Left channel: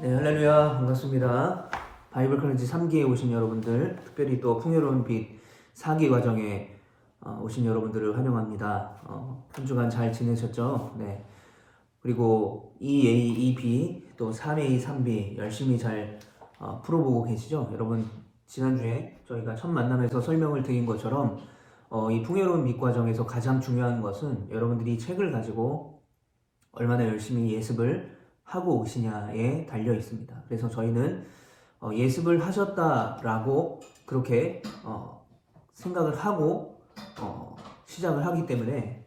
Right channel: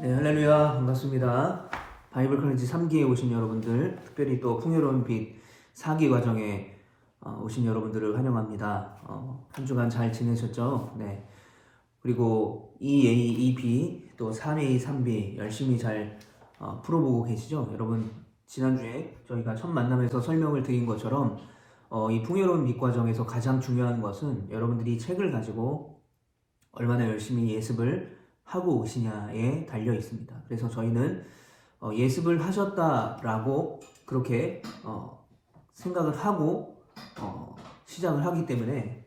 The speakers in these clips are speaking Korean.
네, 할렐루야. 반갑습니다. 바이블 클렌지 3기에 오신 여러분들, 특별히 또 풍요로운 빛 4기 과정에 오신 여러분들을 환영합니다. 한 주간 잘 지내셨죠? 네. 그리고 2A, 2B, 또 3A, 3B 열심히 잘 풀어보고 계시죠? 여러분, 지난주에 저희가 첫 만남에서 설명을 드린 것처럼 이 풍요로운 빛 과정에서 가장 중요한 것은 여러분들이 이 책을 가지고 얼마나 열심히 예습을 하고 오시냐에 달려 있습니다. 그래서 저희는 예습을 하셨다라고 그렇게 생각을 하고 시작을 하기 때문에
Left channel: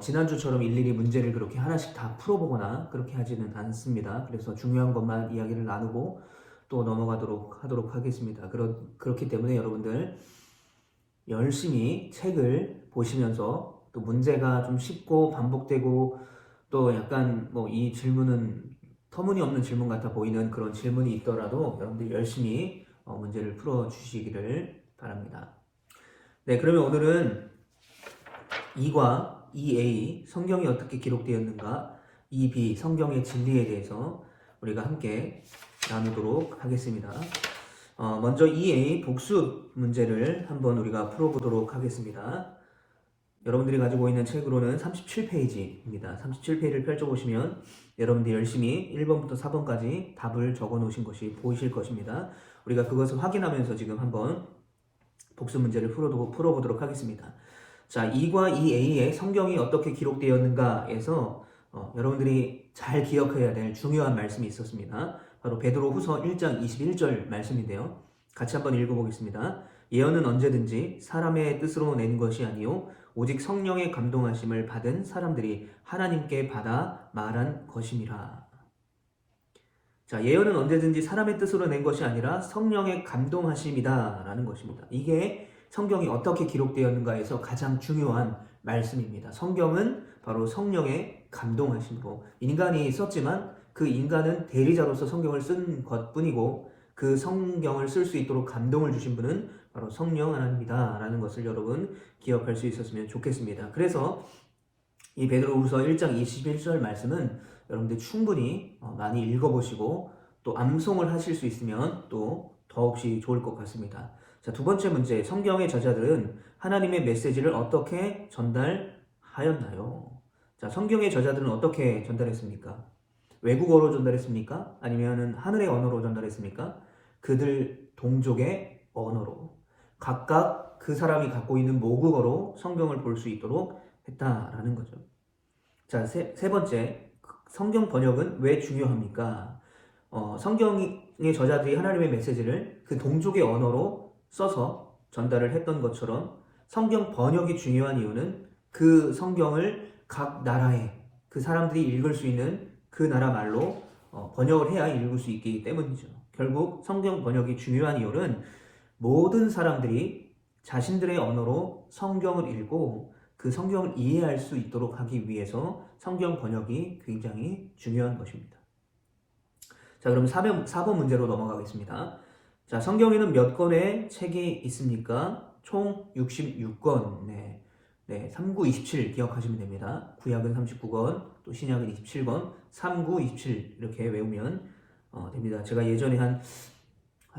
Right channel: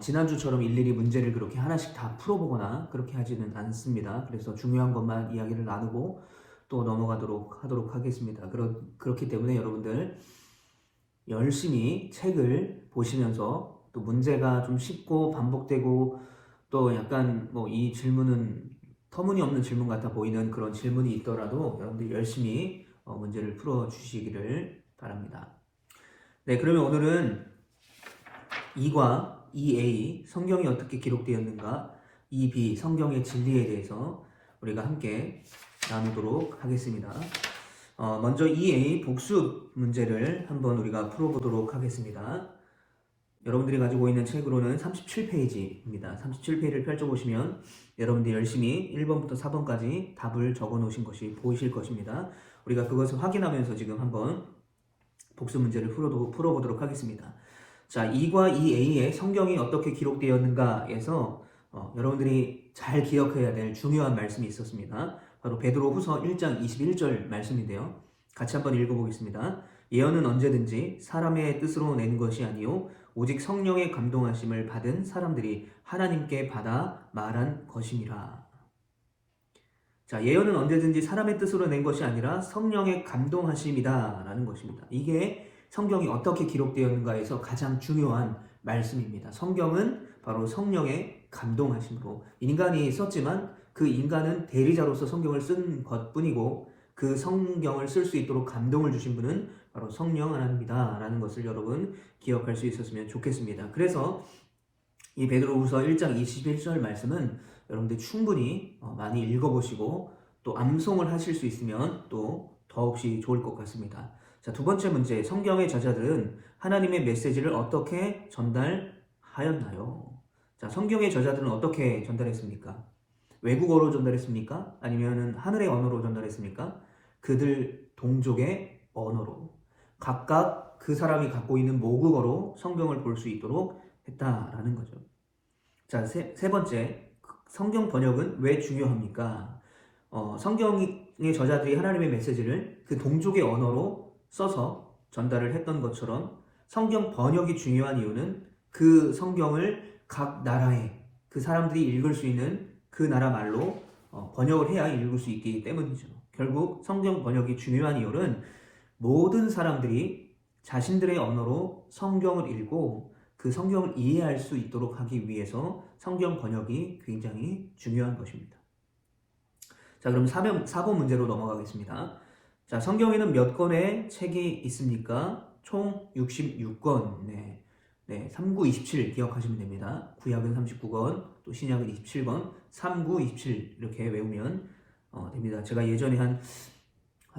지난주처럼 일일이 문제를 그렇게 하나씩 다 풀어보거나 그렇게 하지는 않습니다. 그래서 중요한 것만 이야기를 나누고 또 넘어가도록 하도록 하겠습니다. 그렇기 때문에 여러분들 열심히 책을 보시면서 또 문제가 좀 쉽고 반복되고 또 약간 이 질문은 터무니없는 질문 같아 보이는 그런 질문이 있더라도 여러분들 열심히 문제를 풀어 주시기를 바랍니다. 네, 그러면 오늘은 2과 2a 성경이 어떻게 기록되었는가, 2b 성경의 진리에 대해서 우리가 함께 나누도록 하겠습니다. 먼저 2a 복수 문제를 한번 우리가 풀어보도록 하겠습니다. 여러분들이 가지고 있는 책으로는 37페이지입니다. 37페이지를 펼쳐보시면 여러분들이 열심히 1번부터 4번까지 답을 적어 놓으신 것이 보이실 것입니다. 우리가 그것을 확인하면서 지금 한번 복수 문제를 풀어보도록 하겠습니다. 자, 2과 2a의 성경이 어떻게 기록되었는가에서 여러분들이 잘 기억해야 될 중요한 말씀이 있었습니다. 바로 베드로 후서 1장 21절 말씀인데요. 같이 한번 읽어보겠습니다. 예언은 언제든지 사람의 뜻으로 낸 것이 아니요 오직 성령의 감동하심을 받은 사람들이 하나님께 받아 말한 것임이라. 자, 예언은 언제든지 사람의 뜻으로 낸 것이 아니라 성령의 감동하심이다 라는 것입니다. 이게 성경이 어떻게 기록되었는가에서 가장 중요한 말씀입니다. 성경은 바로 성령의 감동하심으로 인간이 썼지만 그 인간은 대리자로서 성경을 쓴 것뿐이고 그 성경을 쓸 수 있도록 감동을 주신 분은 바로 성령 하나님이다 라는 것을 여러분 기억할 수 있었으면 좋겠습니다. 그래서 이 베드로후서 1장 21절 말씀은 여러분들 충분히 많이 읽어보시고 또 암송을 하실 수 있으면 또 더없이 좋을 것 같습니다. 자, 두 번째 문제, 성경의 저자들은 하나님의 메시지를 어떻게 전달하였나요? 자, 성경의 저자들은 어떻게 전달했습니까? 외국어로 전달했습니까? 아니면 하늘의 언어로 전달했습니까? 그들 동족의 언어로 각각 그 사람이 갖고 있는 모국어로 성경을 볼 수 있도록 했다라는 거죠. 자, 세 번째, 성경 번역은 왜 중요합니까? 성경의 저자들이 하나님의 메시지를 그 동족의 언어로 써서 전달을 했던 것처럼 성경 번역이 중요한 이유는 그 성경을 각 나라의 그 사람들이 읽을 수 있는 그 나라 말로 번역을 해야 읽을 수 있기 때문이죠. 결국 성경 번역이 중요한 이유는 모든 사람들이 자신들의 언어로 성경을 읽고 그 성경을 이해할 수 있도록 하기 위해서 성경 번역이 굉장히 중요한 것입니다. 자, 그럼 4번 문제로 넘어가겠습니다. 자, 성경에는 몇 권의 책이 있습니까? 총 66권. 네. 39, 27 기억하시면 됩니다. 구약은 39권, 또 신약은 27권, 39, 27 이렇게 외우면 됩니다. 제가 예전에 한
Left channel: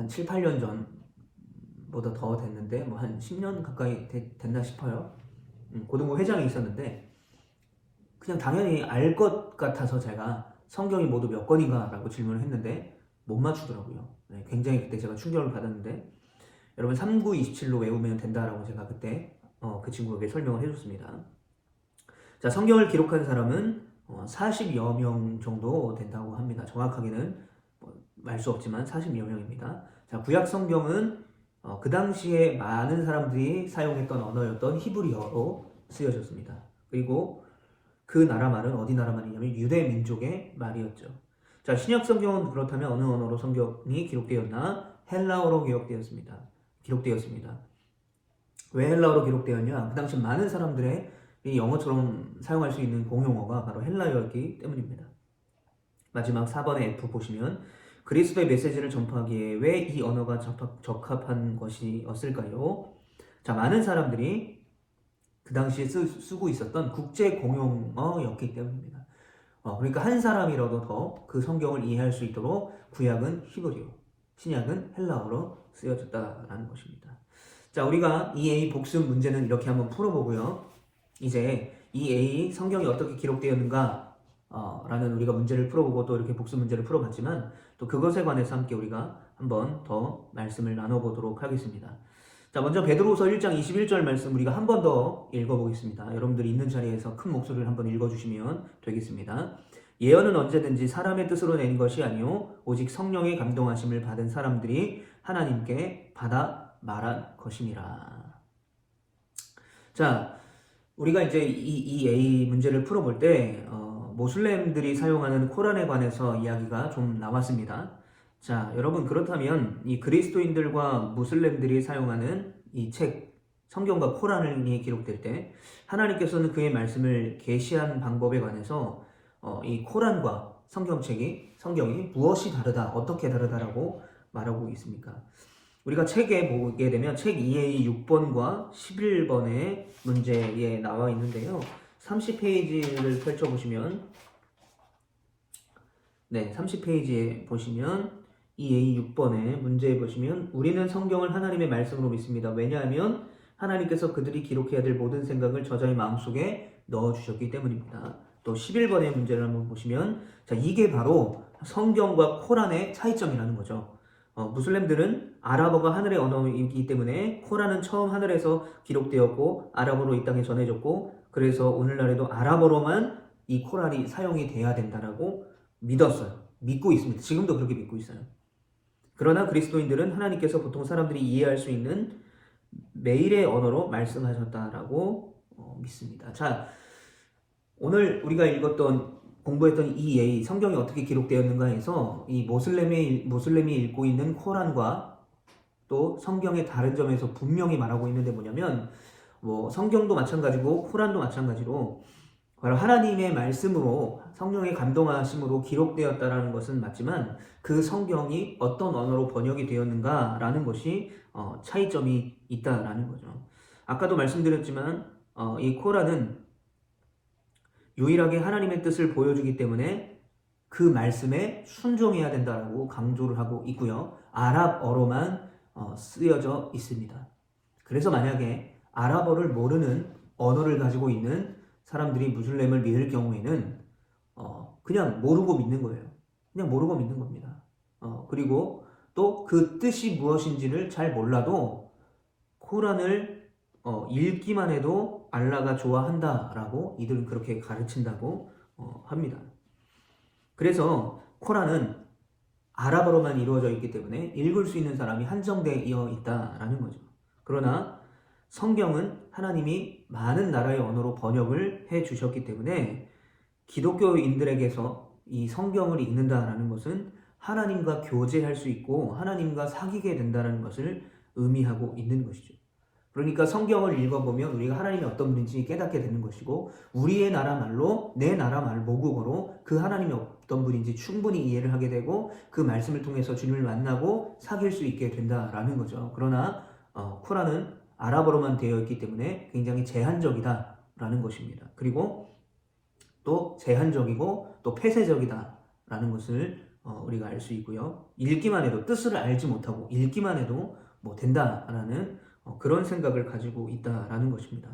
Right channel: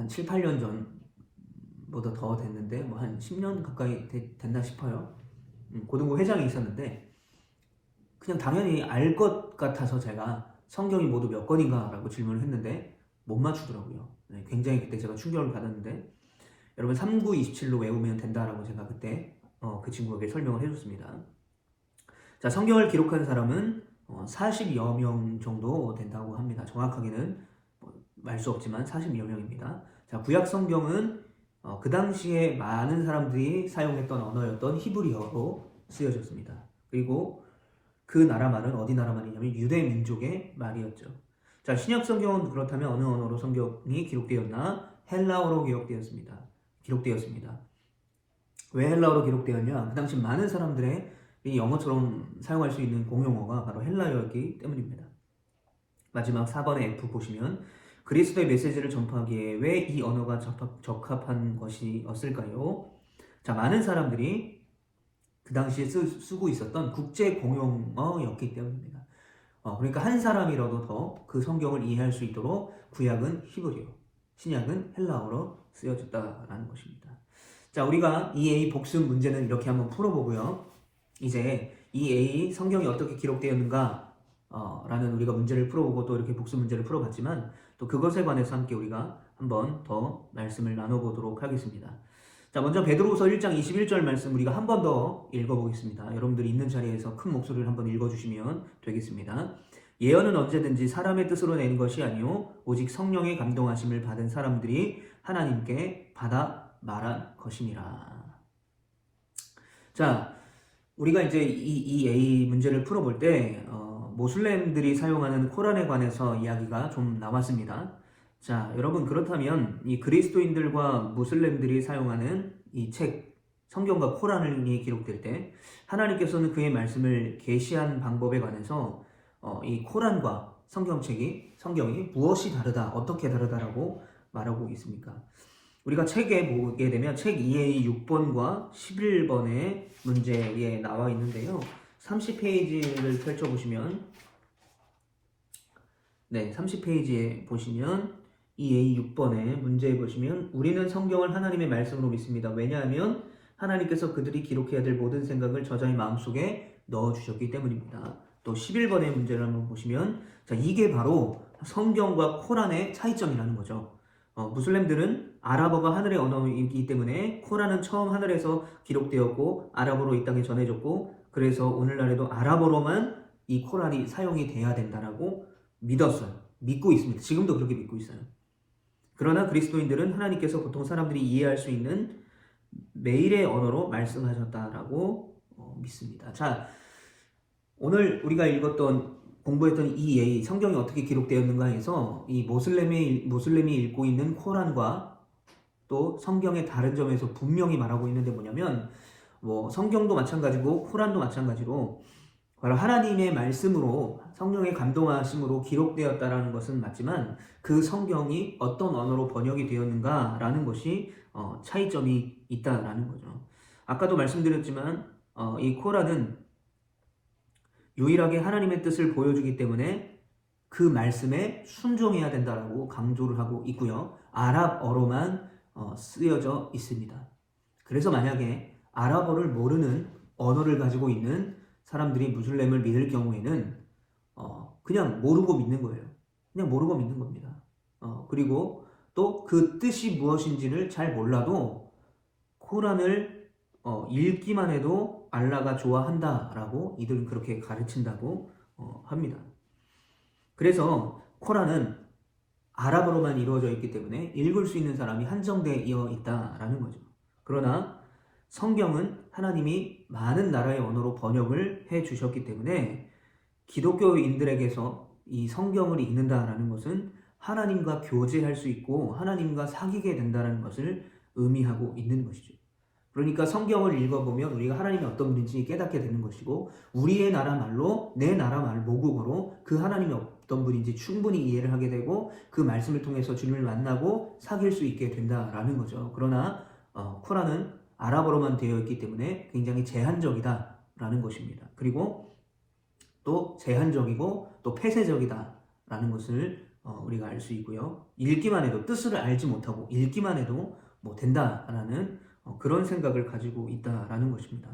7, 8년 전보다 더 됐는데 한 10년 가까이 됐나 싶어요. 고등부 회장이 있었는데 그냥 당연히 알 것 같아서 제가 성경이 모두 몇 권인가 라고 질문을 했는데 못 맞추더라고요. 네, 굉장히 그때 제가 충격을 받았는데 여러분 39, 27로 외우면 된다라고 제가 그때 그 친구에게 설명을 해줬습니다. 자, 성경을 기록한 사람은 40여 명 정도 된다고 합니다. 정확하게는 말 수 없지만 40여 명입니다. 자, 구약 성경은 그 당시에 많은 사람들이 사용했던 언어였던 히브리어로 쓰여졌습니다. 그리고 그 나라 말은 어디 나라 말이냐면 유대 민족의 말이었죠. 자, 신약 성경은 그렇다면 어느 언어로 성경이 기록되었나? 헬라어로 기록되었습니다. 왜 헬라어로 기록되었냐? 그 당시 많은 사람들의 이 영어처럼 사용할 수 있는 공용어가 바로 헬라어였기 때문입니다. 마지막 4번의 F 보시면 그리스도의 메시지를 전파하기에 왜 이 언어가 적합한 것이었을까요? 자, 많은 사람들이 그 당시에 쓰고 있었던 국제 공용어였기 때문입니다. 그러니까 한 사람이라도 더 그 성경을 이해할 수 있도록 구약은 히브리어, 신약은 헬라어로 쓰여졌다라는 것입니다. 자, 우리가 이 A 복습 문제는 이렇게 한번 풀어보고요. 이제 이 A 성경이 어떻게 기록되었는가 라는 우리가 문제를 풀어보고 또 이렇게 복습 문제를 풀어봤지만 또 그것에 관해서 함께 우리가 한번 더 말씀을 나눠보도록 하겠습니다. 자, 먼저 베드로후서 1장 21절 말씀 우리가 한 번 더 읽어보겠습니다. 여러분들이 있는 자리에서 큰 목소리를 한번 읽어주시면 되겠습니다. 예언은 언제든지 사람의 뜻으로 낸 것이 아니요 오직 성령의 감동하심을 받은 사람들이 하나님께 받아 말한 것임이라. 자, 우리가 이제 이 A 문제를 풀어볼 때 모슬렘들이 사용하는 코란에 관해서 이야기가 좀 나왔습니다. 자, 여러분 그렇다면 이 그리스도인들과 무슬림들이 사용하는 이 책, 성경과 코란이 기록될 때 하나님께서는 그의 말씀을 계시한 방법에 관해서 이 코란과 성경이 무엇이 다르다, 어떻게 다르다라고 말하고 있습니까? 우리가 책에 보게 되면 책 2의 6번과 11번의 문제에 나와 있는데요. 30페이지를 펼쳐보시면 30페이지에 보시면 2A 6번에 문제에 보시면 우리는 성경을 하나님의 말씀으로 믿습니다. 왜냐하면 하나님께서 그들이 기록해야 될 모든 생각을 저자의 마음속에 넣어주셨기 때문입니다. 또 11번의 문제를 한번 보시면 자, 이게 바로 성경과 코란의 차이점이라는 거죠. 무슬림들은 아랍어가 하늘의 언어이기 때문에 코란은 처음 하늘에서 기록되었고 아랍어로 이 땅에 전해졌고 그래서 오늘날에도 아랍어로만 이 코란이 사용이 돼야 된다라고 믿고 있습니다. 지금도 그렇게 믿고 있어요. 그러나 그리스도인들은 하나님께서 보통 사람들이 이해할 수 있는 매일의 언어로 말씀하셨다라고 믿습니다. 자, 오늘 우리가 공부했던 이 예의, 성경이 어떻게 기록되었는가 해서 이 모슬렘이 읽고 있는 코란과 또 성경의 다른 점에서 분명히 말하고 있는데 뭐냐면 성경도 마찬가지고 코란도 마찬가지고 바로 하나님의 말씀으로 성령의 감동하심으로 기록되었다라는 것은 맞지만 그 성경이 어떤 언어로 번역이 되었는가라는 것이 차이점이 있다라는 거죠. 아까도 말씀드렸지만 이 코란은 유일하게 하나님의 뜻을 보여주기 때문에 그 말씀에 순종해야 된다라고 강조를 하고 있고요. 아랍어로만 쓰여져 있습니다. 그래서 만약에 아랍어를 모르는 언어를 가지고 있는 사람들이 무슬림을 믿을 경우에는 그냥 모르고 믿는 거예요. 그냥 모르고 믿는 겁니다. 그리고 또 그 뜻이 무엇인지를 잘 몰라도 코란을 읽기만 해도 알라가 좋아한다라고 이들은 그렇게 가르친다고 합니다. 그래서 코란은 아랍어로만 이루어져 있기 때문에 읽을 수 있는 사람이 한정되어 있다라는 거죠. 그러나 성경은 하나님이 많은 나라의 언어로 번역을 해 주셨기 때문에 기독교인들에게서 이 성경을 읽는다라는 것은 하나님과 교제할 수 있고 하나님과 사귀게 된다는 것을 의미하고 있는 것이죠. 그러니까 성경을 읽어보면 우리가 하나님이 어떤 분인지 깨닫게 되는 것이고 우리의 나라 말로 내 나라 말 모국어로 그 하나님이 어떤 분인지 충분히 이해를 하게 되고 그 말씀을 통해서 주님을 만나고 사귈 수 있게 된다라는 거죠. 그러나 코란은 아랍어로만 되어 있기 때문에 굉장히 제한적이다라는 것입니다. 그리고 또 제한적이고 또 폐쇄적이다라는 것을 우리가 알 수 있고요. 읽기만 해도 뜻을 알지 못하고 읽기만 해도 된다라는 그런 생각을 가지고 있다라는 것입니다.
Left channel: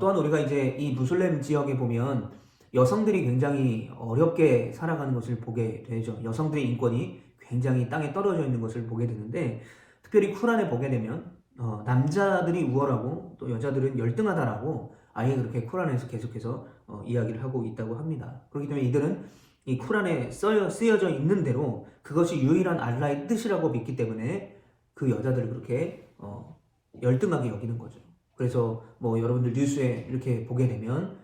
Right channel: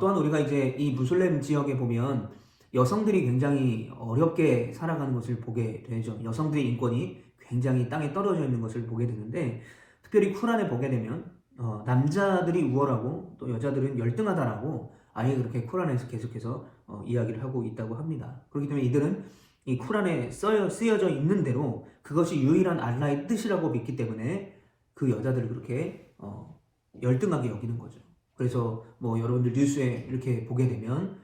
또한 우리가 이제 이 무슬림 지역에 보면 여성들이 굉장히 어렵게 살아가는 것을 보게 되죠. 여성들의 인권이 굉장히 땅에 떨어져 있는 것을 보게 되는데 특별히 쿠란에 보게 되면 남자들이 우월하고 또 여자들은 열등하다라고 아예 그렇게 쿠란에서 계속해서 이야기를 하고 있다고 합니다. 그렇기 때문에 이들은 이 쿠란에 쓰여져 있는 대로 그것이 유일한 알라의 뜻이라고 믿기 때문에 그 여자들을 그렇게 열등하게 여기는 거죠. 그래서 여러분들 뉴스에 이렇게 보게 되면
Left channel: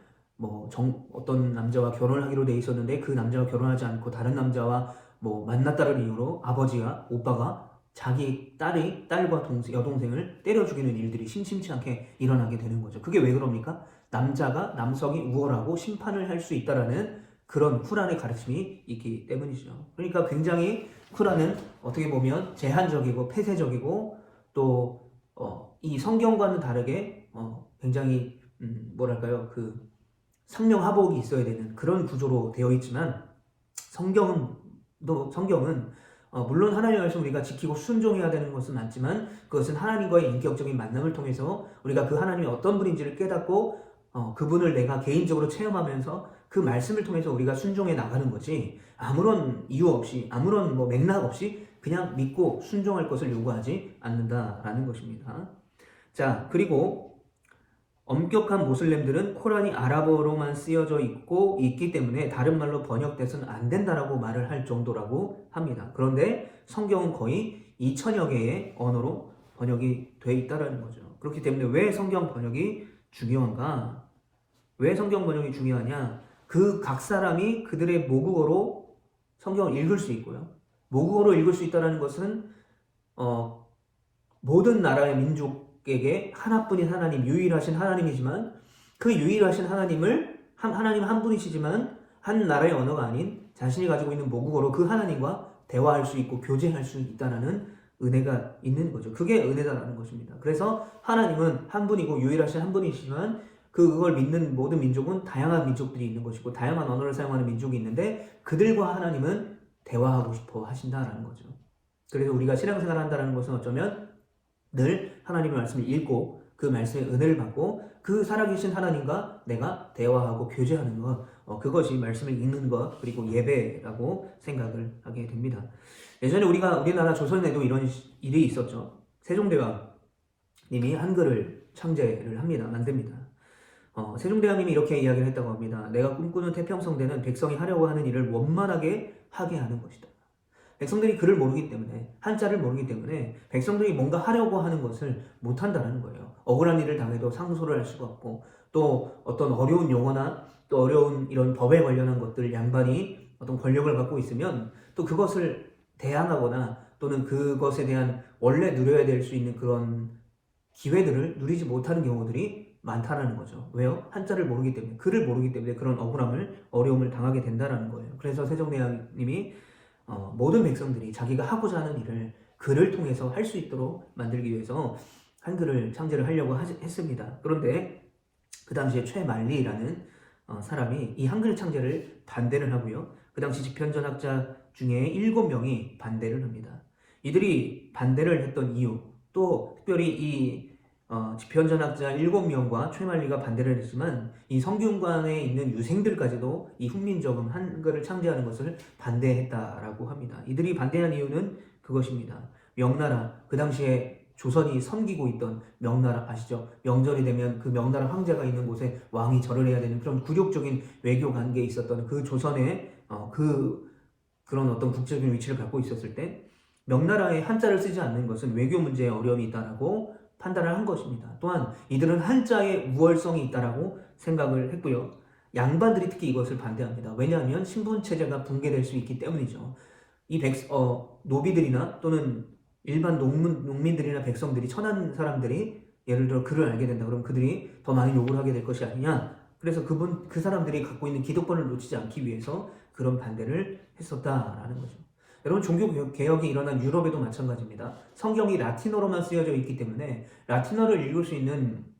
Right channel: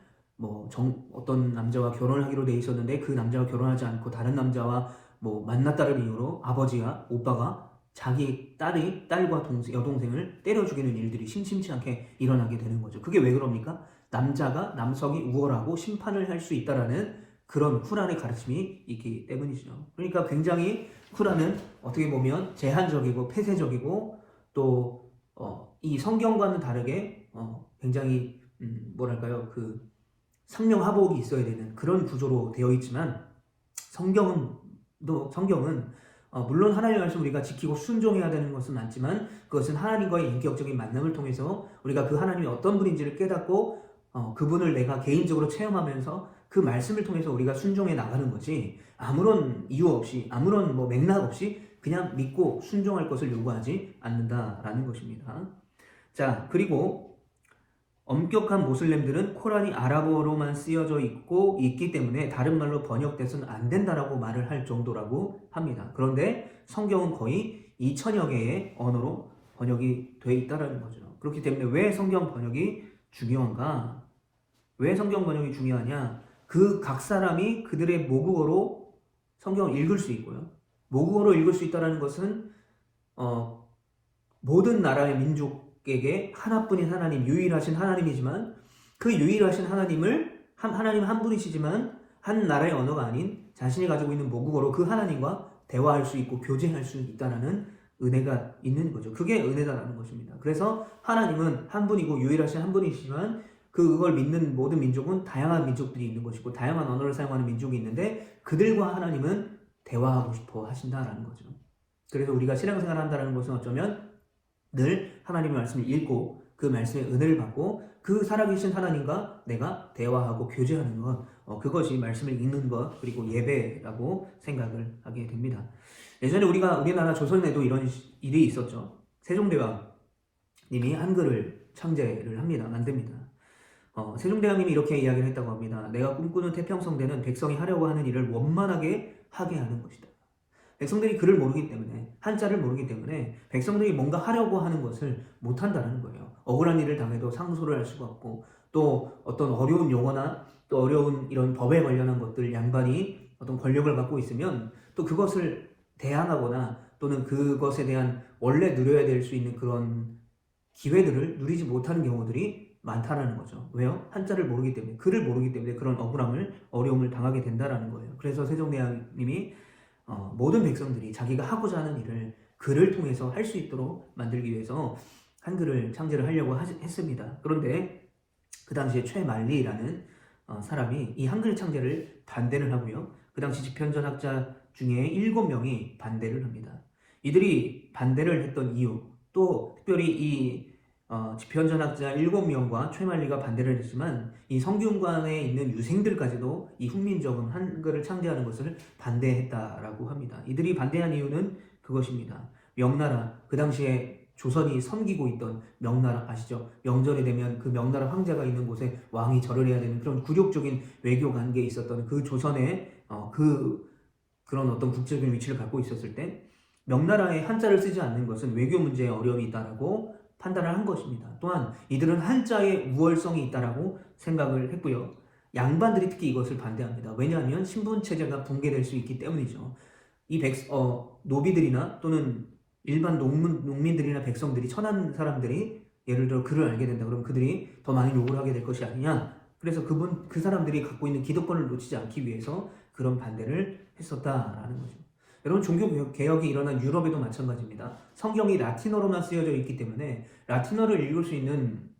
어떤 남자와 결혼을 하기로 돼 있었는데 그 남자와 결혼하지 않고 다른 남자와 만났다는 이유로 아버지와 오빠가 자기 딸과 여동생을 때려 죽이는 일들이 심심치 않게 일어나게 되는 거죠. 그게 왜 그럽니까? 남성이 우월하고 심판을 할 수 있다라는 그런 쿠란의 가르침이 있기 때문이죠. 그러니까 굉장히 쿠란은 어떻게 보면 제한적이고 폐쇄적이고 또 이 성경과는 다르게 굉장히 그 상명하복이 있어야 되는 그런 구조로 되어 있지만 성경은 물론 하나님 말씀 우리가 지키고 순종해야 되는 것은 맞지만 그것은 하나님과의 인격적인 만남을 통해서 우리가 그 하나님이 어떤 분인지를 깨닫고 그분을 내가 개인적으로 체험하면서 그 말씀을 통해서 우리가 순종해 나가는 거지 아무런 이유 없이 아무런 맥락 없이 그냥 믿고 순종할 것을 요구하지 않는다라는 것입니다. 자, 그리고 엄격한 모슬렘들은 코란이 아랍어로만 쓰여져 있기 때문에 다른 말로 번역돼서는 안 된다라고 말을 할 정도라고 합니다. 그런데 성경은 거의 2000여 개의 언어로 번역이 돼 있다는 거죠. 그렇기 때문에 왜 성경 번역이 중요한가? 왜 성경 번역이 중요하냐? 그 각 사람이 그들의 모국어로 성경을 읽을 수 있고요. 모국어로 읽을 수 있다는 것은 모든 나라의 민족에게 하나뿐인 하나님, 유일하신 하나님이지만 그 유일하신 하나님을 하나님 한 분이시지만 한 나라의 언어가 아닌 자신이 가지고 있는 모국어로 그 하나님과 대화할 수 있고 교제할 수 있다는 은혜가 있는 거죠. 그게 은혜다라는 것입니다. 그래서 하나님은 한 분이고 유일하신 한 분이시지만 그걸 믿는 모든 민족은 다양한 민족들이 있는 것이고 다양한 언어를 사용하는 민족이 있는데 그들과 하나님은 대화하고 싶어 하신다라는 거죠. 그래서 우리가 신앙생활을 한다는 것은 어쩌면 늘 하나님의 말씀을 읽고 그 말씀의 은혜를 받고 그 살아계신 하나님과 내가 대화하고 교제하는 것 그것이 말씀을 읽는 것 그리고 예배라고 생각을 하게 됩니다. 예전에 우리나라 조선에도 이런 일이 있었죠. 세종대왕님이 한글을 창제를 합니다. 만듭니다. 세종대왕님이 이렇게 이야기를 했다고 합니다. 내가 꿈꾸는 태평성대는 백성이 하려고 하는 일을 원만하게 하게 하는 것이다. 백성들이 글을 모르기 때문에 한자를 모르기 때문에 백성들이 뭔가 하려고 하는 것을 못한다는 거예요. 억울한 일을 당해도 상소를 할 수가 없고 또 어떤 어려운 용어나 또 어려운 이런 법에 관련한 것들 양반이 어떤 권력을 갖고 있으면 또 그것을 대항하거나 또는 그것에 대한 원래 누려야 될 수 있는 그런 기회들을 누리지 못하는 경우들이 많다는 거죠. 왜요? 한자를 모르기 때문에 글을 모르기 때문에 그런 어려움을 당하게 된다는 거예요. 그래서 세종대왕님이 모든 백성들이 자기가 하고자 하는 일을 글을 통해서 할 수 있도록 만들기 위해서 한글을 창제를 하려고 했습니다. 그런데 그 당시에 최만리라는 사람이 이 한글 창제를 반대를 하고요. 그 당시 집현전학자 중에 7명이 반대를 합니다. 이들이 반대를 했던 이유 또 특별히 이 집현전학자 7명과 최만리가 반대를 했지만 이 성균관에 있는 유생들까지도 이 훈민정음 한글을 창제하는 것을 반대했다라고 합니다. 이들이 반대한 이유는 그것입니다. 명나라, 그 당시에 조선이 섬기고 있던 명나라 아시죠? 명절이 되면 그 명나라 황제가 있는 곳에 왕이 절을 해야 되는 그런 굴욕적인 외교 관계에 있었던 그 조선의 그런 어떤 국제적인 위치를 갖고 있었을 때 명나라의 한자를 쓰지 않는 것은 외교 문제에 어려움이 있다라고 판단을 한 것입니다. 또한 이들은 한자에 우월성이 있다라고 생각을 했고요. 양반들이 특히 이것을 반대합니다. 왜냐하면 신분 체제가 붕괴될 수 있기 때문이죠. 이 노비들이나 또는 일반 농민들이나 백성들이 천한 사람들이 예를 들어 글을 알게 된다 그러면 그들이 더 많이 욕을 하게 될 것이 아니냐. 그래서 그 사람들이 갖고 있는 기득권을 놓치지 않기 위해서 그런 반대를 했었다라는 거죠. 여러분 종교개혁이 일어난 유럽에도 마찬가지입니다. 성경이 라틴어로만 쓰여져 있기 때문에 라틴어를 읽을 수 있는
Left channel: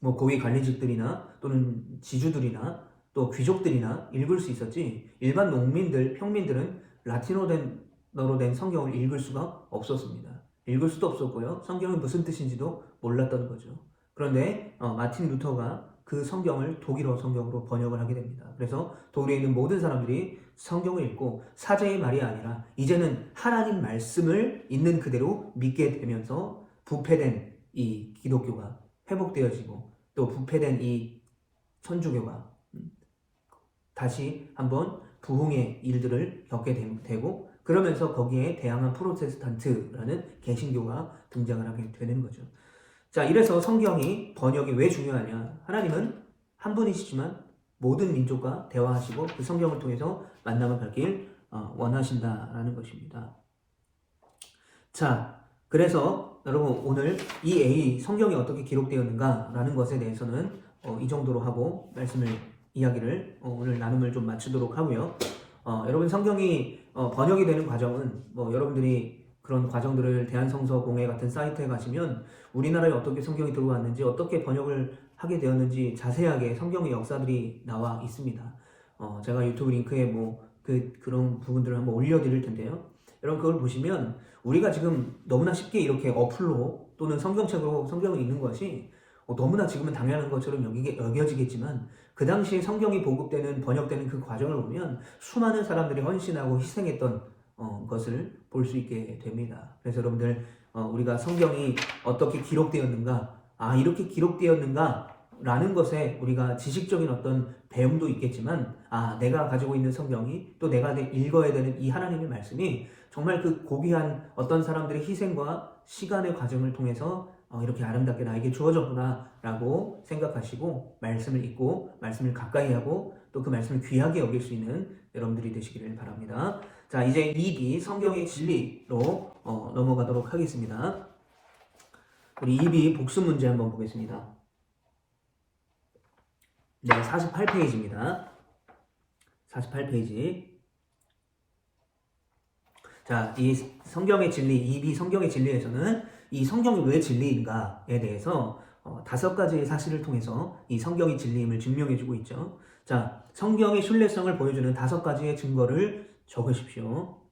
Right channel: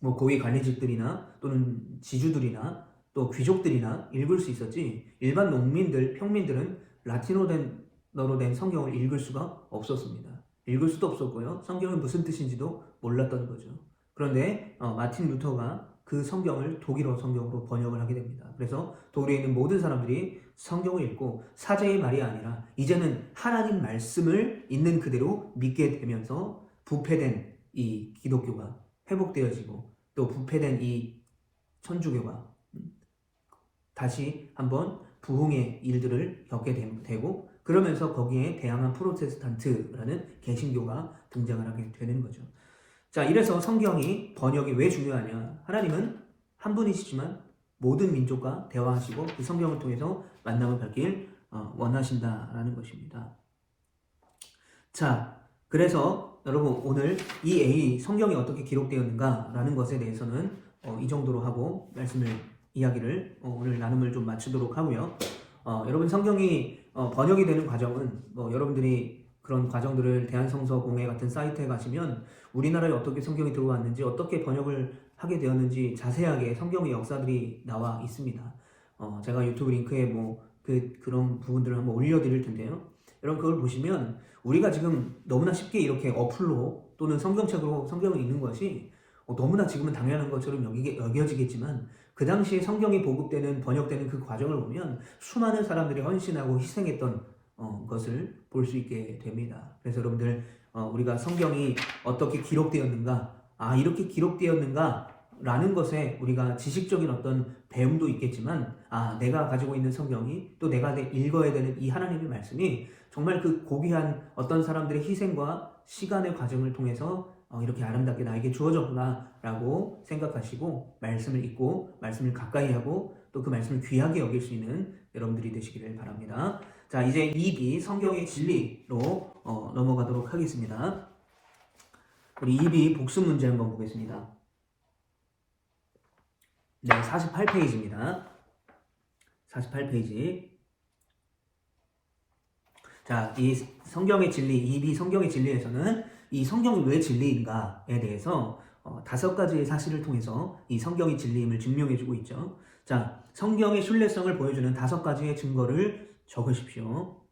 고위 관리직들이나 또는 지주들이나 또 귀족들이나 읽을 수 있었지 일반 농민들, 평민들은 라틴어로 된 성경을 읽을 수가 없었습니다. 읽을 수도 없었고요. 성경이 무슨 뜻인지도 몰랐던 거죠. 그런데 마틴 루터가 그 성경을 독일어 성경으로 번역을 하게 됩니다. 그래서 독일에 있는 모든 사람들이 성경을 읽고 사자의 말이 아니라 이제는 하나님 말씀을 있는 그대로 믿게 되면서 부패된 이 기독교가 회복되어지고 또 부패된 이 천주교가 다시 한번 부흥의 일들을 겪게 되고 그러면서 거기에 대항한 프로테스탄트라는 개신교가 등장을 하게 되는 거죠. 자, 이래서 성경이 번역이 왜 중요하냐? 하나님은 한 분이시지만 모든 민족과 대화하시고 그 성경을 통해서 만남을 갖길 원하신다라는 것입니다. 자, 그래서 여러분 오늘 이 성경이 어떻게 기록되었는가라는 것에 대해서는 이 정도로 하고 이야기를 오늘 나눔을 좀 마치도록 하고요. 여러분 성경이 번역이 되는 과정은 여러분들이 그런 과정들을 대한성서공회 같은 사이트에 가시면 우리나라에 어떻게 성경이 들어왔는지 어떻게 번역을 하게 되었는지 자세하게 성경의 역사들이 나와 있습니다. 제가 유튜브 링크에 그런 부분들을 한번 올려드릴 텐데요. 여러분 그걸 보시면 우리가 지금 너무나 쉽게 이렇게 어플로 또는 성경책으로 성경을 읽는 것이 너무나 지금은 당연한 것처럼 여겨지겠지만 그 당시에 성경이 보급되는 번역되는 그 과정을 보면 수많은 사람들이 헌신하고 희생했던 것을 볼 수 있게 됩니다. 그래서 여러분들 우리가 성경이 어떻게 기록되었는가, 이렇게 기록되었는가 라는 것에 우리가 지식적인 어떤 배움도 있겠지만 내가 가지고 있는 성경이 또 내가 읽어야 되는 이 하나님의 말씀이 정말 그 고귀한 어떤 사람들의 희생과 시간의 과정을 통해서 이렇게 아름답게 나에게 주어졌구나 라고 생각하시고 말씀을 읽고 말씀을 가까이 하고 또 그 말씀을 귀하게 여길 수 있는 여러분들이 되시기를 바랍니다. 자, 이제 2비 성경의 진리로 넘어가도록 하겠습니다. 우리 2비 복습 문제 한번 보겠습니다. 네, 48페이지입니다. 48페이지. 자, 이 성경의 진리, 2비 성경의 진리에서는 이 성경이 왜 진리인가에 대해서 5가지의 사실을 통해서 이 성경의 진리임을 증명해주고 있죠. 자, 성경의 신뢰성을 보여주는 5가지의 증거를 적으십시오.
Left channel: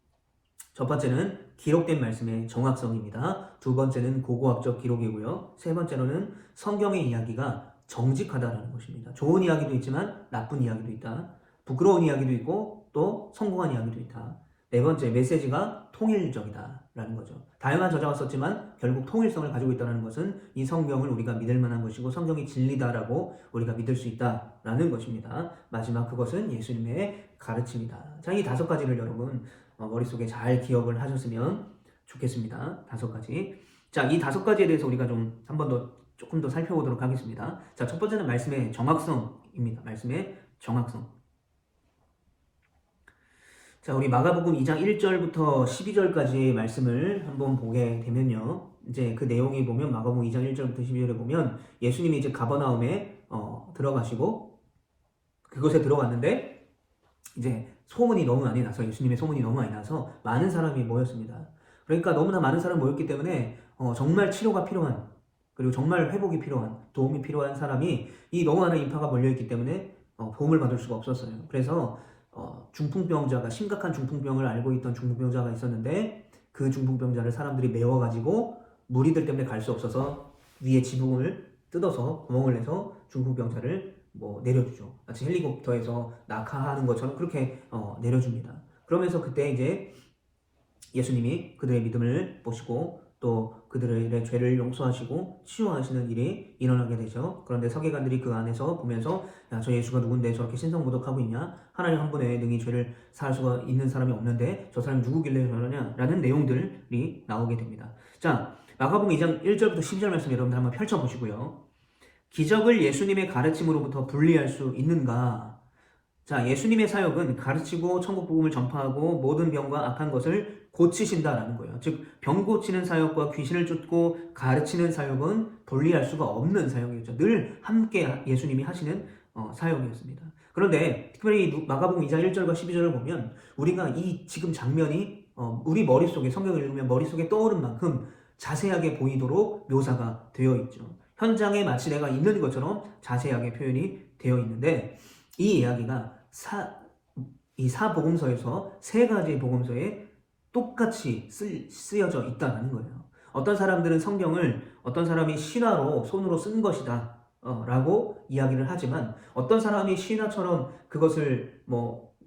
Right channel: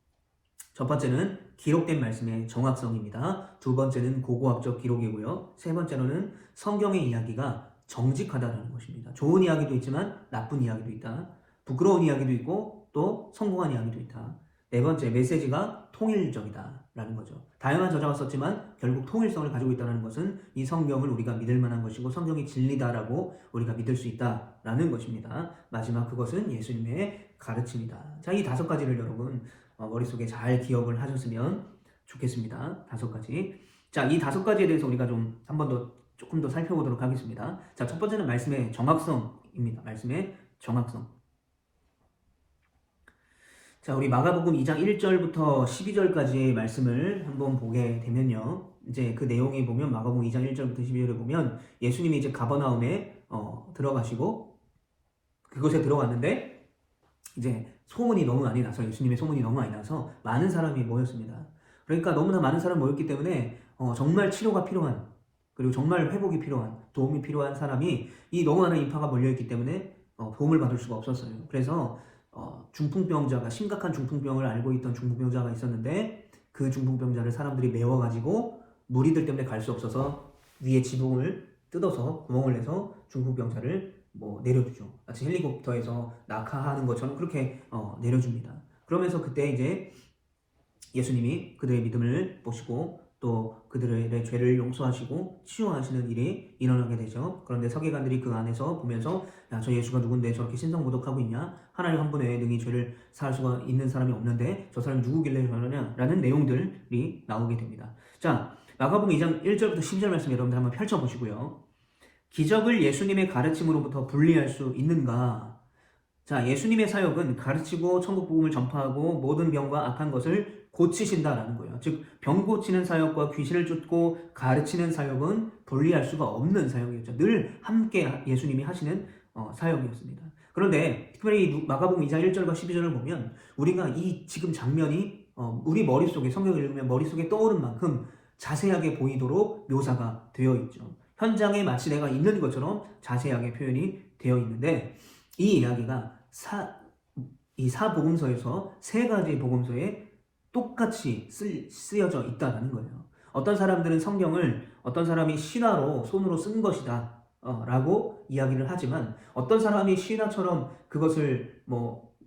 첫 번째는 기록된 말씀의 정확성입니다. 두 번째는 고고학적 기록이고요. 세 번째로는 성경의 이야기가 정직하다는 것입니다. 좋은 이야기도 있지만 나쁜 이야기도 있다. 부끄러운 이야기도 있고 또 성공한 이야기도 있다. 네 번째, 메시지가 통일적이다 라는 거죠. 다양한 저자가 썼지만 결국 통일성을 가지고 있다는 것은 이 성경을 우리가 믿을 만한 것이고 성경이 진리다라고 우리가 믿을 수 있다라는 것입니다. 마지막, 그것은 예수님의 가르침이다. 자, 이 5가지를 여러분 머릿속에 잘 기억을 하셨으면 좋겠습니다. 5가지. 자, 이 5가지에 대해서 우리가 조금 더 살펴보도록 하겠습니다. 자, 첫 번째는 말씀의 정확성입니다. 말씀의 정확성. 자, 우리 마가복음 2장 1절부터 12절까지의 말씀을 한번 보게 되면요. 이제 그 내용에 보면 마가복음 2장 1절부터 12절에 보면 예수님이 이제 가버나움에 들어가시고 그곳에 들어갔는데 이제 소문이 너무 많이 나서 예수님의 소문이 너무 많이 나서 많은 사람이 모였습니다. 그러니까 너무나 많은 사람이 모였기 때문에 정말 치료가 필요한 그리고 정말 회복이 필요한 도움이 필요한 사람이 이 너무 많은 인파가 몰려있기 때문에 도움을 받을 수가 없었어요. 그래서 중풍병자가 심각한 중풍병을 앓고 있던 중풍병자가 있었는데 그 중풍병자를 사람들이 메워가지고 무리들 때문에 갈 수 없어서 위에 지붕을 뜯어서 구멍을 내서 중풍병자를 내려주죠. 마치 헬리콥터에서 낙하하는 것처럼 그렇게 내려줍니다. 그러면서 그때 이제 예수님이 그들의 믿음을 보시고 또 그들의 죄를 용서하시고 치유하시는 일이 일어나게 되죠. 그런데 서기관들이 그 안에서 보면서 야, 저 예수가 누군데 저렇게 신성모독하고 있냐? 하나님 한 분에 능히 죄를 사할 수가 있는 사람이 없는데 저 사람이 누구길래 그러냐? 라는 내용들이 나오게 됩니다. 자, 마가복음 2장 1절부터 12절 말씀 여러분들 한번 펼쳐보시고요. 기적을 예수님의 가르침으로부터 분리할 수 있는가? 자, 예수님의 사역은 가르치고 천국 복음을 전파하고 모든 병과 악한 것을 고치신다라는 거예요. 즉, 병 고치는 사역과 귀신을 쫓고 가르치는 사역은 분리할 수가 없는 사역이었죠. 늘 함께 예수님이 하시는 사역이었습니다. 그런데 특별히 마가복음 2장 1절과 12절을 보면 우리가 이 지금 장면이 우리 머릿속에 성경을 읽으면 머릿속에 떠오른 만큼 자세하게 보이도록 묘사가 되어 있죠. 현장에 마치 내가 있는 것처럼 자세하게 표현이 되어 있는데 이 이야기가 이 사복음서에서 3가지 복음서에 똑같이 쓰여져 있다는 거예요. 어떤 사람들은 성경을 어떤 사람이 신화로 손으로 쓴 것이다 라고 이야기를 하지만 어떤 사람이 신화처럼 그것을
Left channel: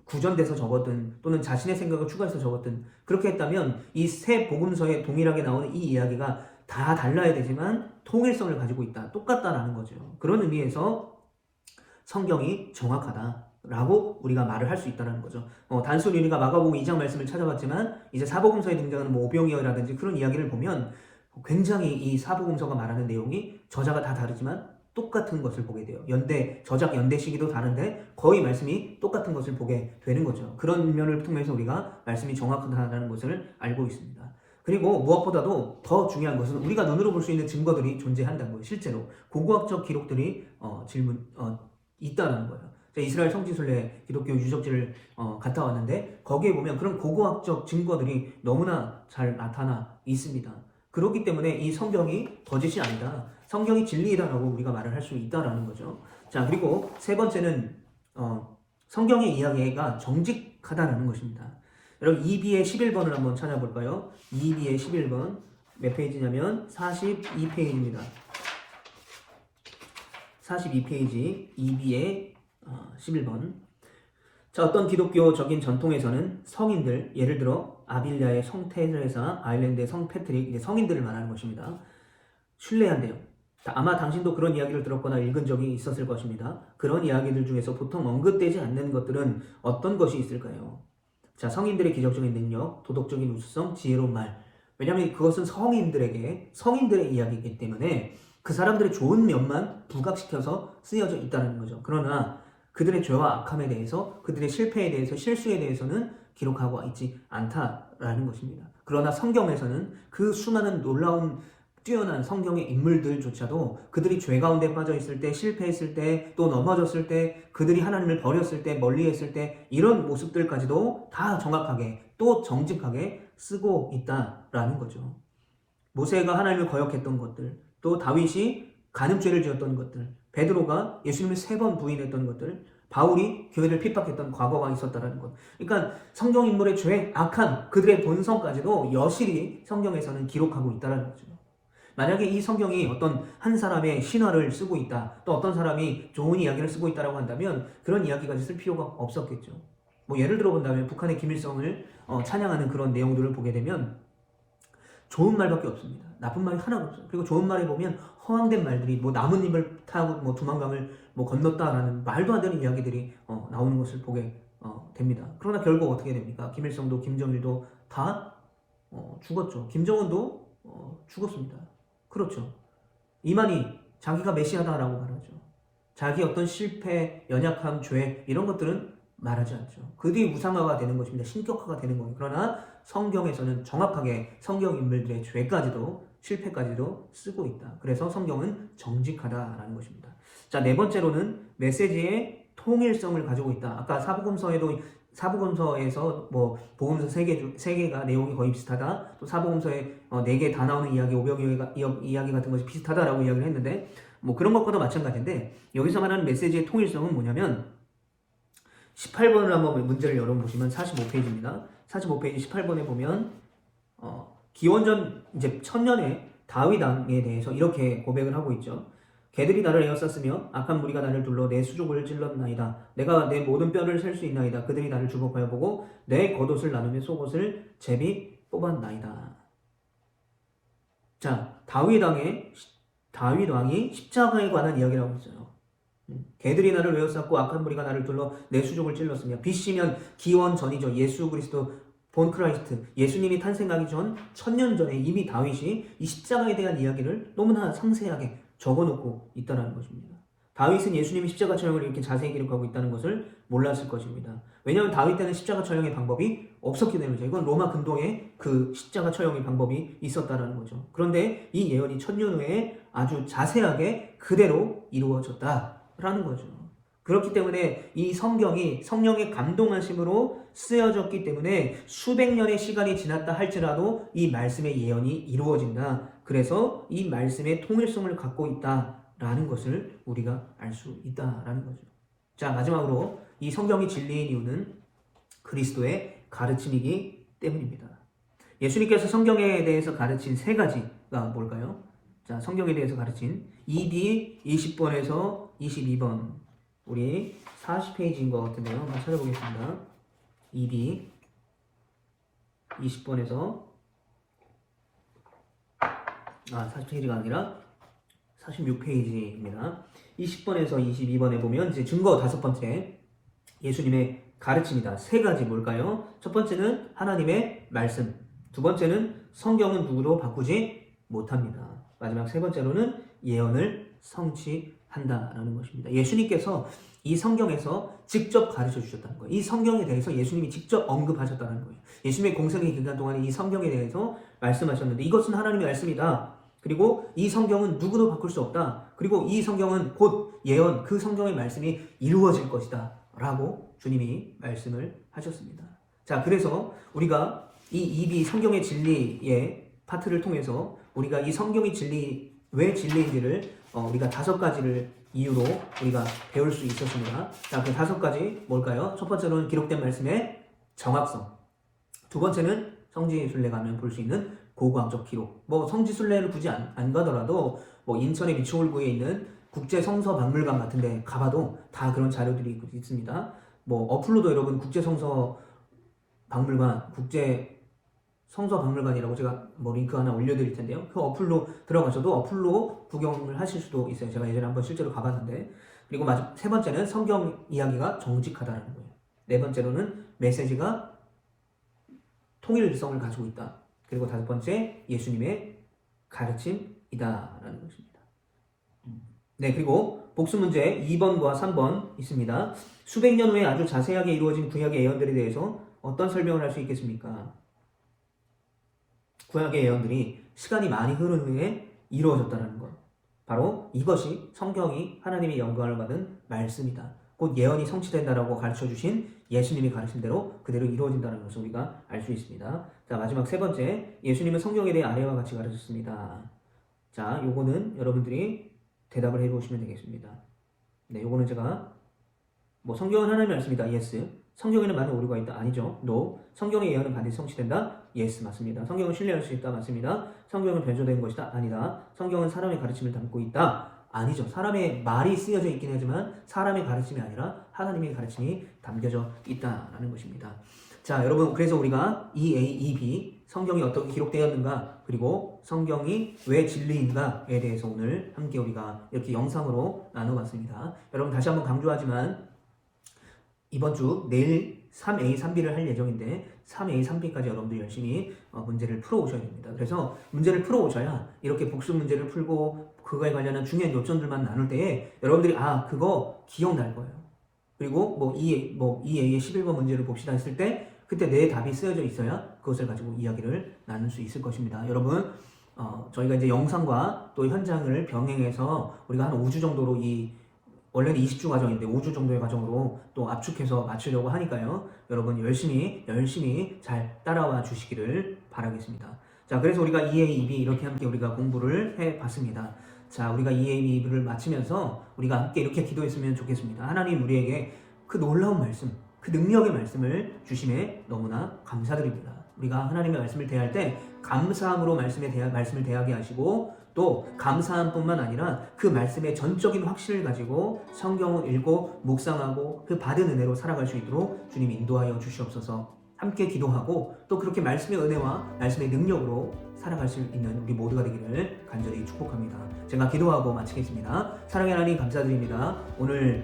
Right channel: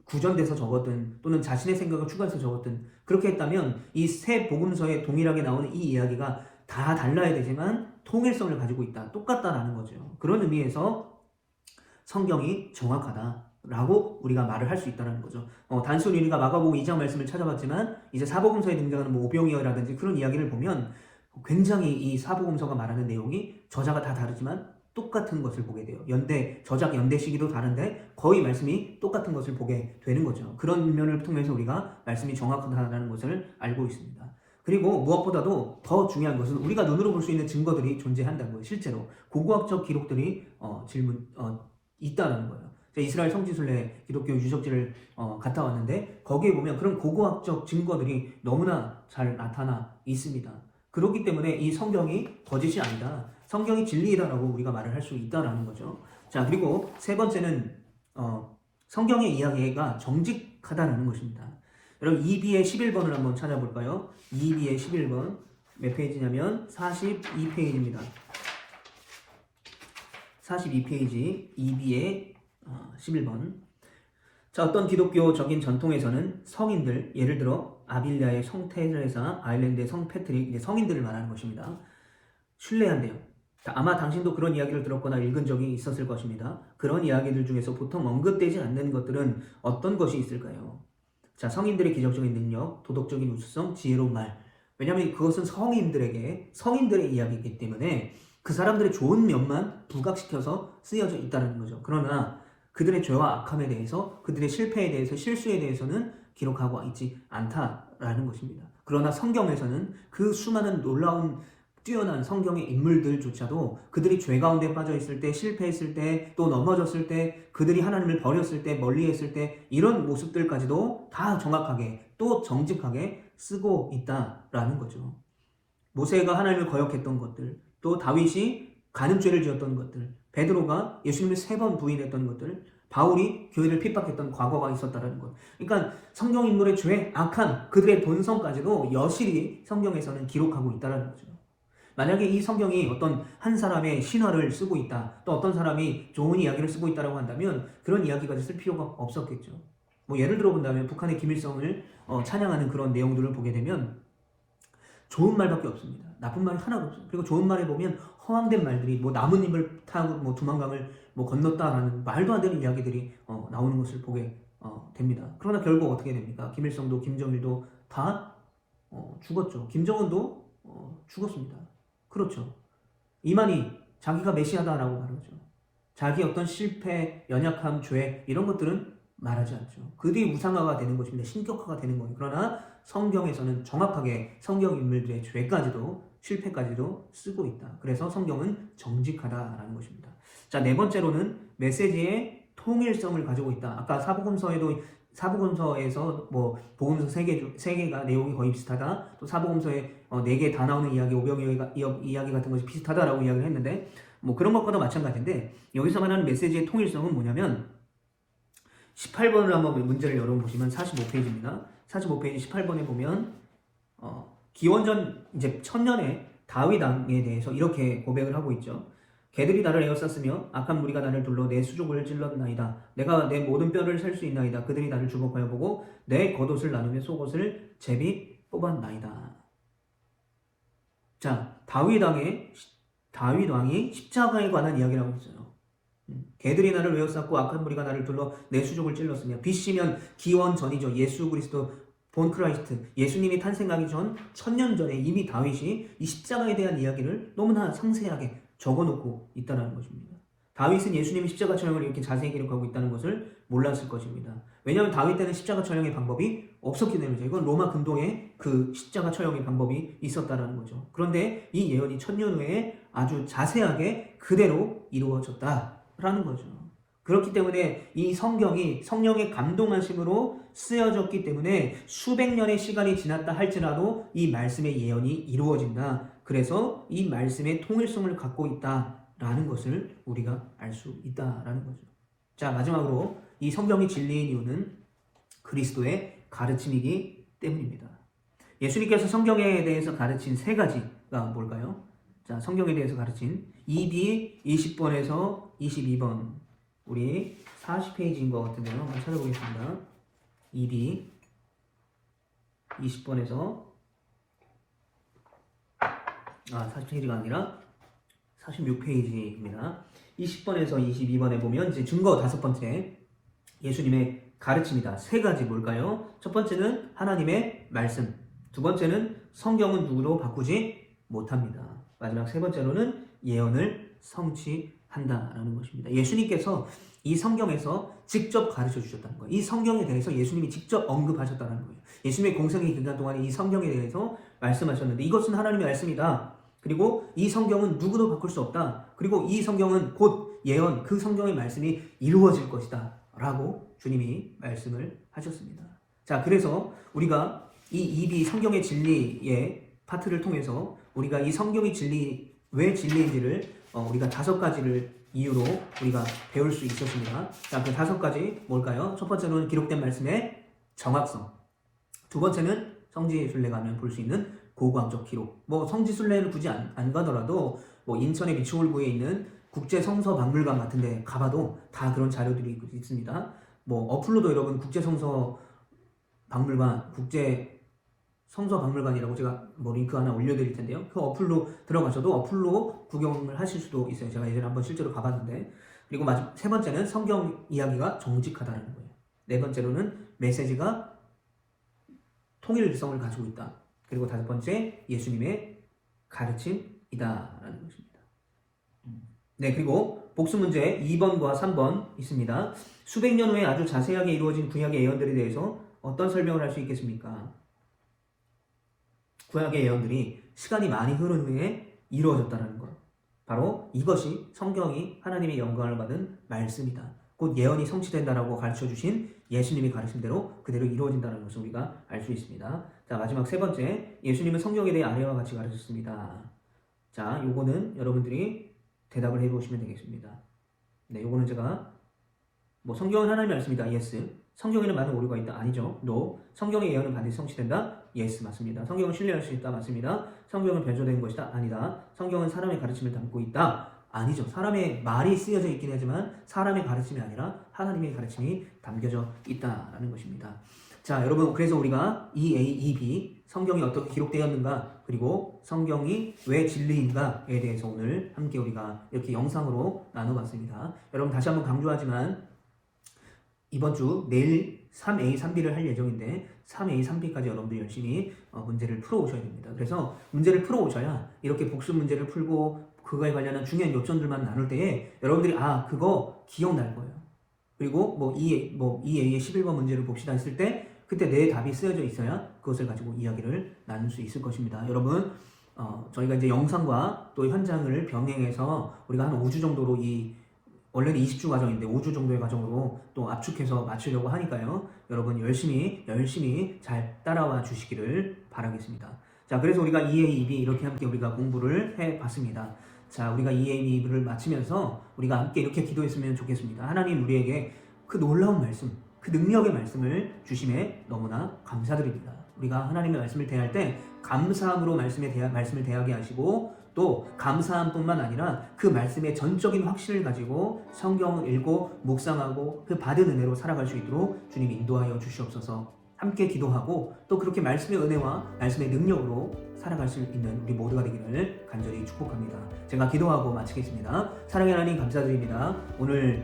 구전돼서 적었든 또는 자신의 생각을 추가해서 적었든 그렇게 했다면 이 3 복음서에 동일하게 나오는 이 이야기가 다 달라야 되지만 통일성을 가지고 있다, 똑같다라는 거죠. 그런 의미에서 성경이 정확하다라고 우리가 말을 할 수 있다는 거죠. 단순히 우리가 마가복음 2장 말씀을 찾아봤지만 이제 사복음서에 등장하는 오병이어라든지 그런 이야기를 보면 굉장히 이 사복음서가 말하는 내용이 저자가 다 다르지만 똑같은 것을 보게 돼요. 저작 연대 시기도 다른데 거의 말씀이 똑같은 것을 보게 되는 거죠. 그런 면을 통해서 우리가 말씀이 정확하다는 것을 알고 있습니다. 그리고 무엇보다도 더 중요한 것은 우리가 눈으로 볼 수 있는 증거들이 존재한다는 거예요. 실제로 고고학적 기록들이 있다는 거예요. 이스라엘 성지순례 기독교 유적지를 갔다 왔는데 거기에 보면 그런 고고학적 증거들이 너무나 잘 나타나 있습니다. 그렇기 때문에 이 성경이 거짓이 아니다. 성경이 진리이다라고 우리가 말을 할 수 있다라는 거죠. 자, 그리고 세 번째는 성경의 이야기가 정직하다라는 것입니다. 여러분 2B의 11번을 한번 찾아볼까요? 2B의 11번 몇 페이지냐면 42페이지입니다. 42페이지 2B의 11번. 자, 어떤 기독교적인 전통에서는 성인들, 예를 들어 아빌리아의 성 테레사, 아일랜드의 성 패트릭, 이제 성인들을 말하는 것입니다. 신뢰한대요. 아마 당신도 그런 이야기를 들었거나 읽은 적이 있었을 것입니다. 그런 이야기들 중에서 보통 언급되지 않는 것들은 어떤 것이 있을까요? 자, 성인들의 기적적인 능력, 도덕적인 우수성, 지혜로운 말. 왜냐하면 그것은 성인들의 이야기이기 때문에 그 사람들의 좋은 면만 부각시켜서 쓰여져 있다는 거죠. 그러나 그들의 죄와 악함에 대해서, 그들의 실패에 대해서, 실수에 대해서는 기록하고 있지 않다라는 것입니다. 그러나 성경에서는 그 수많은 놀라운 뛰어난 성경의 인물들조차도 그들이 죄 가운데 빠져 있을 때, 실패했을 때, 또 넘어졌을 때, 그들이 하나님을 버렸을 때, 멀리했을 때 이런 모습들까지도 다 정확하게 또 정직하게 쓰고 있다라는 거죠. 모세가 하나님을 거역했던 것들, 또 다윗이 간음죄를 지었던 것들, 베드로가 예수님을 3번 부인했던 것들, 바울이 교회를 핍박했던 과거가 있었다는 것. 그러니까 성경 인물의 죄, 악한 그들의 본성까지도 여실히 성경에서는 기록하고 있다는 거죠. 만약에 이 성경이 어떤 한 사람의 신화를 쓰고 있다, 또 어떤 사람이 좋은 이야기를 쓰고 있다고 한다면 그런 이야기까지 쓸 필요가 없었겠죠. 뭐 예를 들어 본다면 북한의 김일성을 찬양하는 그런 내용들을 보게 되면 좋은 말밖에 없습니다. 나쁜 말이 하나도 없습니다. 그리고 좋은 말에 보면 허황된 말들이 뭐 나뭇잎을 타고 뭐 두만강을 뭐 건넜다라는 말도 안 되는 이야기들이 나오는 것을 보게 됩니다. 그러나 결국 어떻게 됩니까? 김일성도 김정일도 다 죽었죠. 김정은도 죽었습니다. 그렇죠. 이만희 자기가 메시아다라고 말하죠. 자기 어떤 실패, 연약함, 죄 이런 것들은 말하지 않죠. 그들이 우상화가 되는 것입니다. 신격화가 되는 거예요. 그러나 성경에서는 정확하게 성경 인물들의 죄까지도 실패까지도 쓰고 있다. 그래서 성경은 정직하다라는 것입니다. 자, 네 번째로는 메시지의 통일성을 가지고 있다. 아까 사복음서에서 뭐 복음서 3개가 내용이 거의 비슷하다. 또 사복음서에 4개 다 나오는 이야기, 오병 이야기 같은 것이 비슷하다라고 이야기를 했는데 뭐 그런 것보다 마찬가지인데 여기서 말하는 메시지의 통일성은 뭐냐면 18번을 한번 문제를 열어보시면 45페이지입니다. 45페이지 18번에 보면 기원전 이제 1000년의 다윗 왕에 대해서 이렇게 고백을 하고 있죠. 개들이 나를 에워쌌으며 악한 무리가 나를 둘러 내 수족을 찔렀나이다. 내가 내 모든 뼈를 셀 수 있나이다. 그들이 나를 주목하여 보고 내 겉옷을 나누며 속옷을 제비 뽑았나이다. 자, 다윗 왕이 십자가에 관한 이야기를 하고 있어요. 개들이 나를 에워쌌고 악한 무리가 나를 둘러 내 수족을 찔렀으며 BC면 기원 전이죠. 예수 그리스도 본 크라이스트, 예수님이 탄생하기 전 1000년 전에 이미 다윗이 이 십자가에 대한 이야기를 너무나 상세하게 적어놓고 있다는 것입니다. 다윗은 예수님의 십자가 촬영을 이렇게 자세히 기록하고 있다는 것을 몰랐을 것입니다. 왜냐하면 다윗 때는 십자가 촬영의 방법이 없었기 때문이죠. 이건 로마 근동에 그 십자가 촬영의 방법이 있었다는 거죠. 그런데 이 예언이 1000년 후에 아주 자세하게 그대로 이루어졌다라는 거죠. 그렇기 때문에 이 성경이 성령의 감동하심으로 쓰여졌기 때문에 수백 년의 시간이 지났다 할지라도 이 말씀의 예언이 이루어진다. 그래서 이 말씀의 통일성을 갖고 있다라는 것을 우리가 알 수 있다라는 거죠. 자, 마지막으로 이 성경이 진리인 이유는 그리스도의 가르침이기 때문입니다. 예수님께서 성경에 대해서 가르친 3가지가 뭘까요? 자, 성경에 대해서 가르친 2B 20번에서 22번, 우리 40페이지인 것 같은데요. 한번 찾아보겠습니다. 2B 20번에서 40페이지가 아니라 46페이지입니다. 20번에서 22번에 보면 이제 증거 5번째, 예수님의 가르침이다. 3가지 뭘까요? 첫 번째는 하나님의 말씀, 두 번째는 성경은 누구도 바꾸지 못합니다. 마지막 3번째로는 예언을 성취한다라는 것입니다. 예수님께서 이 성경에서 직접 가르쳐 주셨다는 거예요. 이 성경에 대해서 예수님이 직접 언급하셨다는 거예요. 예수님의 공생의 기간 동안에 이 성경에 대해서 말씀하셨는데 이것은 하나님의 말씀이다. 그리고 이 성경은 누구도 바꿀 수 없다. 그리고 이 성경은 곧 예언, 그 성경의 말씀이 이루어질 것이다 라고 주님이 말씀을 하셨습니다. 자, 그래서 우리가 이 입이 성경의 진리의 파트를 통해서 우리가 이 성경의 진리 왜 진리인지를 우리가 5가지를 이유로 우리가 배울 수 있었습니다. 자, 그 5가지 뭘까요? 첫 번째로는 기록된 말씀의 정확성. 두 번째는 성지의 순례 가면 볼 수 있는 고고학적 기록. 뭐 성지 순례를 굳이 안 가더라도 뭐 인천의 미추홀구에 있는 국제 성서 박물관 같은 데 가봐도 다 그런 자료들이 있습니다. 뭐 어플로도 여러분 국제 성서 박물관, 국제 성서 박물관이라고 제가 뭐 링크 하나 올려드릴 텐데요. 그 어플로 들어가셔도 어플로 구경을 하실 수도 있어요. 제가 예전에 한번 실제로 가봤는데. 그리고 세 번째는 성경 이야기가 정직하다는 거예요. 네 번째로는 메시지가 통일성을 가지고 있다. 그리고 5번째, 예수님의 가르침이다라는 것입니다. 네, 그리고 복수 문제 2번과 3번 있습니다. 수백 년 후에 아주 자세하게 이루어진 구약의 예언들에 대해서 어떤 설명을 할 수 있겠습니까? 구약의 예언들이 시간이 많이 흐른 후에 이루어졌다는 것. 바로 이것이 성경이 하나님의 영광을 받은 말씀이다. 곧 예언이 성취된다라고 가르쳐주신 예수님이 가르침대로 그대로 이루어진다는 것을 우리가 알 수 있습니다. 자, 마지막 3번째, 예수님은 성경에 대해 아래와 같이 가르쳤습니다. 자, 요거는 여러분들이 대답을 해보시면 되겠습니다. 네, 요거는 제가 뭐 성경은 하나님의 말씀이다. yes. 성경에는 많은 오류가 있다. 아니죠. no. 성경의 예언은 반드시 성취된다. yes, 맞습니다. 성경은 신뢰할 수 있다. 맞습니다. 성경은 변조된 것이다. 아니다. 성경은 사람의 가르침을 담고 있다. 아니죠. 사람의 말이 쓰여져 있긴 하지만 사람의 가르침이 아니라 하나님의 가르침이 담겨져 있다라는 것입니다. 자, 여러분, 그래서 우리가 EAEB, 성경이 어떻게 기록되었는가, 그리고 성경이 왜 진리인가에 대해서 오늘 함께 우리가 이렇게 영상으로 나눠봤습니다. 여러분, 다시 한번 강조하지만 이번 주 내일 3A, 3B를 할 예정인데 3A, 3B까지 여러분들 열심히 문제를 풀어오셔야 됩니다. 그래서 문제를 풀어오셔야 이렇게 복수 문제를 풀고 그거에 관련한 중요한 요점들만 나눌 때에 여러분들이 그거 기억날 거예요. 그리고 뭐 2A의 11번 문제를 봅시다 했을 때 그때 내 답이 쓰여져 있어야 그것을 가지고 이야기를 나눌 수 있을 것입니다. 여러분, 저희가 이제 영상과 또 현장을 병행해서 우리가 한 5주 정도로 원래는 20주 과정인데 5주 정도의 과정으로 또 압축해서 맞추려고 하니까요. 여러분 열심히 잘 따라와 주시기를 바라겠습니다. 자, 그래서 우리가 EAEB 이렇게 함께 우리가 공부를 해봤습니다. 자, 우리가 EAEB를 마치면서 우리가 함께 이렇게 기도했으면 좋겠습니다. 하나님 우리에게 그 놀라운 말씀, 그 능력의 말씀을 주심에 너무나 감사드립니다. 우리가 하나님의 말씀을 대할 때 감사함으로 말씀을 대하게 하시고 또 감사함뿐만 아니라 그 말씀의 전적인 확신을 가지고 성경을 읽고 묵상하고 그 받은 은혜로 살아갈 수 있도록 주님 인도하여 주시옵소서. 함께 기도하고 또 그렇게 말씀의 은혜와 말씀의 능력으로 살아갈 수 있는 우리 모두가 되기를 간절히 축복합니다. 제가 기도하고 마치겠습니다. 사랑의 하나님 감사드립니다. 오늘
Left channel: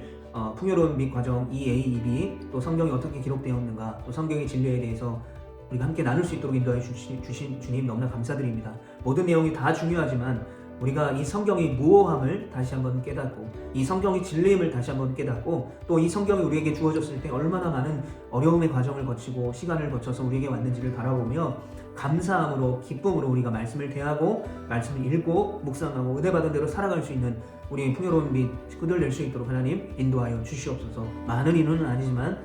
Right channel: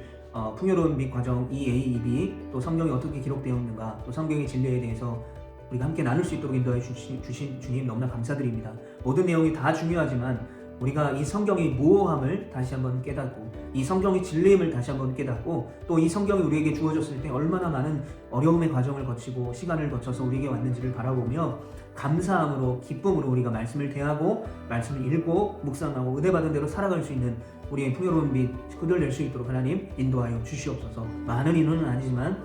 풍요로운 빛 과정 EAEB 또 성경이 어떻게 기록되었는가 또 성경의 진리에 대해서 우리가 함께 나눌 수 있도록 인도해 주신 주님 너무나 감사드립니다. 모든 내용이 다 중요하지만 우리가 이 성경의 무오함을 다시 한번 깨닫고 이 성경의 진리임을 다시 한번 깨닫고 또 이 성경이 우리에게 주어졌을 때 얼마나 많은 어려움의 과정을 거치고 시간을 거쳐서 우리에게 왔는지를 바라보며 감사함으로 기쁨으로 우리가 말씀을 대하고 말씀을 읽고 묵상하고 은혜받은 대로 살아갈 수 있는 우리의 풍요로운 빛 흔들릴 수 있도록 하나님 인도하여 주시옵소서. 많은 인원은 아니지만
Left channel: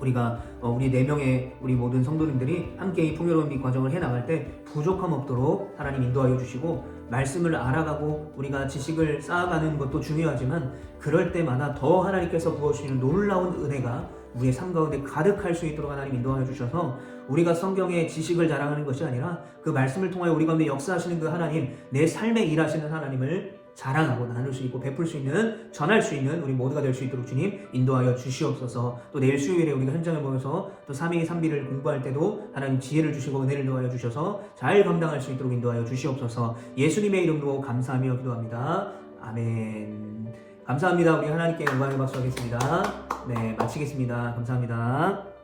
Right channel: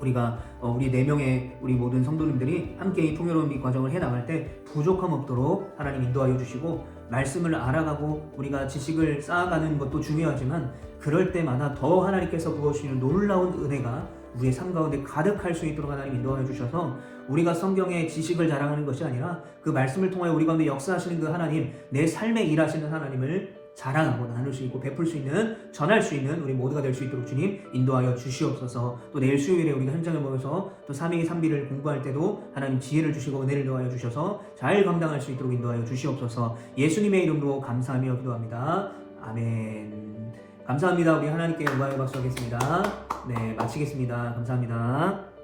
우리가 우리 4명의 우리 모든 성도님들이 함께 이 풍요로운 빛 과정을 해나갈 때 부족함 없도록 하나님 인도하여 주시고 말씀을 알아가고 우리가 지식을 쌓아가는 것도 중요하지만 그럴 때마다 더 하나님께서 부어주시는 놀라운 은혜가 우리의 삶 가운데 가득할 수 있도록 하나님 인도하여 주셔서 우리가 성경의 지식을 자랑하는 것이 아니라 그 말씀을 통하여 우리 가운데 역사하시는 그 하나님, 내 삶에 일하시는 하나님을 자랑하고 나눌 수 있고 베풀 수 있는, 전할 수 있는 우리 모두가 될 수 있도록 주님 인도하여 주시옵소서. 또 내일 수요일에 우리가 현장을 보면서 또 3A 3B를 공부할 때도 하나님 지혜를 주시고 은혜를 더하여 주셔서 잘 감당할 수 있도록 인도하여 주시옵소서. 예수님의 이름으로 감사하며 기도합니다. 아멘. 감사합니다. 우리 하나님께 영광의 박수 하겠습니다. 네, 마치겠습니다. 감사합니다.